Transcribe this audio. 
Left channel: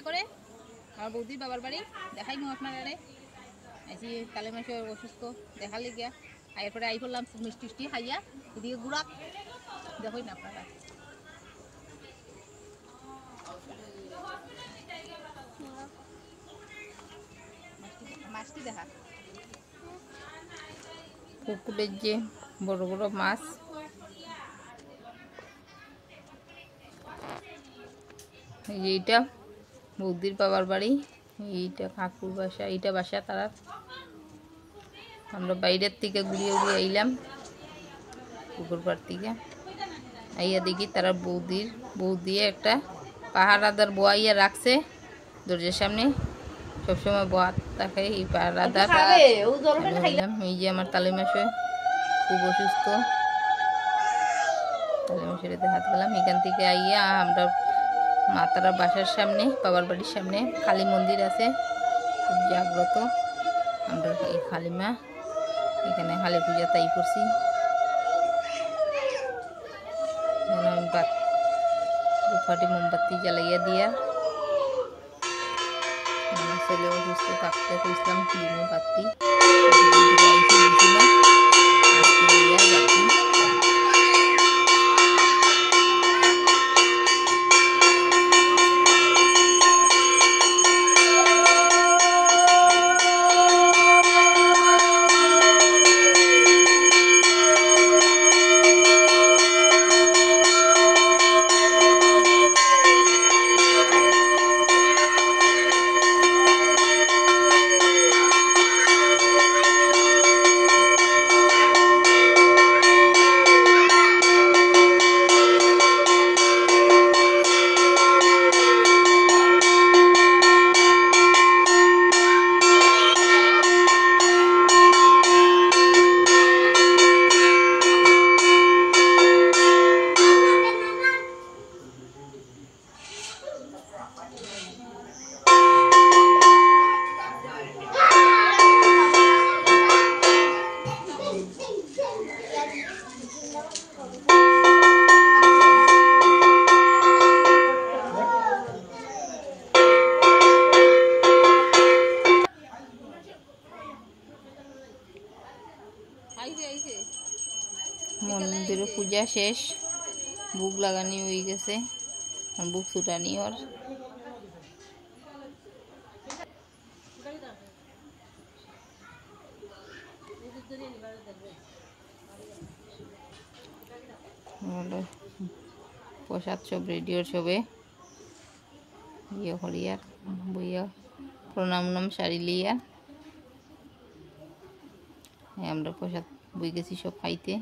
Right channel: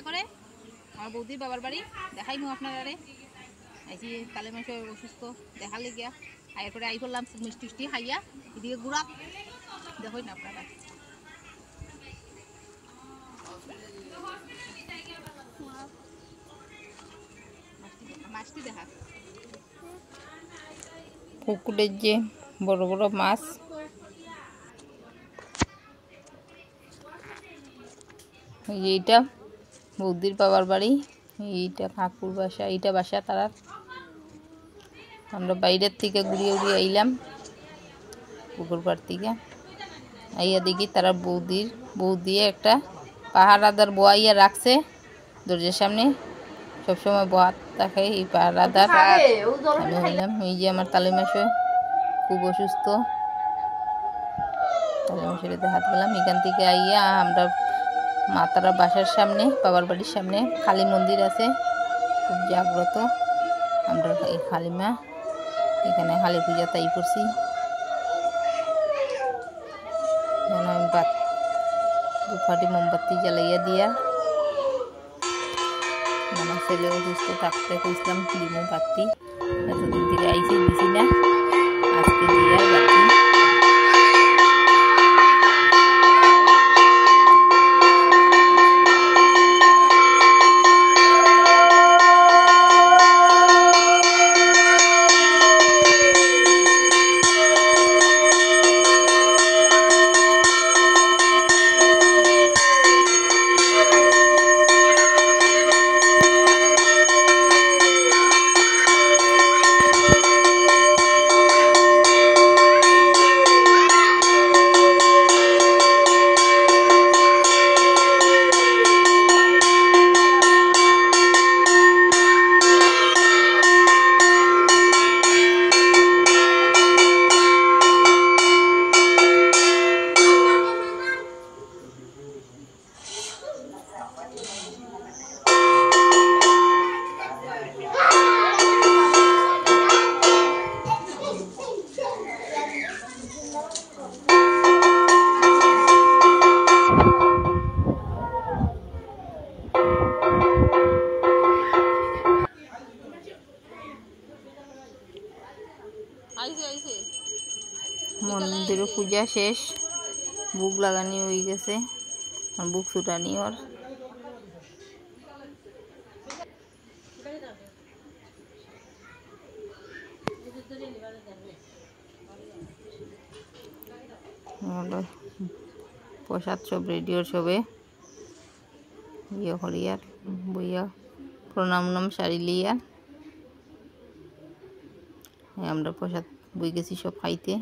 ইচ্ছা করে আমার বৌদির বাবার বাড়ি দেখাইমু আপনারা আইসি কালে মাসে অসুস্থ দেখালে গিয়া এরপরে আই করলাম মিষ্টি টিষ্টি খাইয়া এদিকে গুড়া দেখই না আপনারা মাছটি দেখা পুকুরের যে বড় বড় মাছ এইটা বৌদির বাবার বাড়ি এইটা কাকুর বাসা এইটা বাসা তারা আমরা বাইরের থেকে ঘুরিয়ে ঘুরিয়ে আইলাম পুকুর পাড় থেকে আইয়া দেখি তারা বৌদি একটা পাহারাদার বোয়াইয়া রাখছে দরজার সামনে সবসময় বোয়াত থাকে এই পাহারাদার এই যে আমার তালে মাসে খুব অসুস্থ তালে মাসের হাত গেলাম এখান থেকে আইয়া আমরা মা তারা বাসার সামনে বাবার বাড়ির সামনে কালী মন্দির আছে খুব জাগ্রত আমরা এই কালী মা এখানে কালী পূজা তাই করছি দুপাটি মোমবাতি জ্বালাইয়া দিয়া আমার ছেলে অসুস্থ থাকতে কইছিলাম দিমু বাতি আইসি দিছি না আজকে দিয়া বাতি মন্দিরে পূজা শেষ বুক লাগানি হয়ে গেছে বুক ছুটানি ওর প্রসাদ সব রেডিওর সবে ইয়ে হরিয়ার বইয়া প্রণাম সারি লিয়া আমরা প্রসাদ বই গেছি সব খাইতে।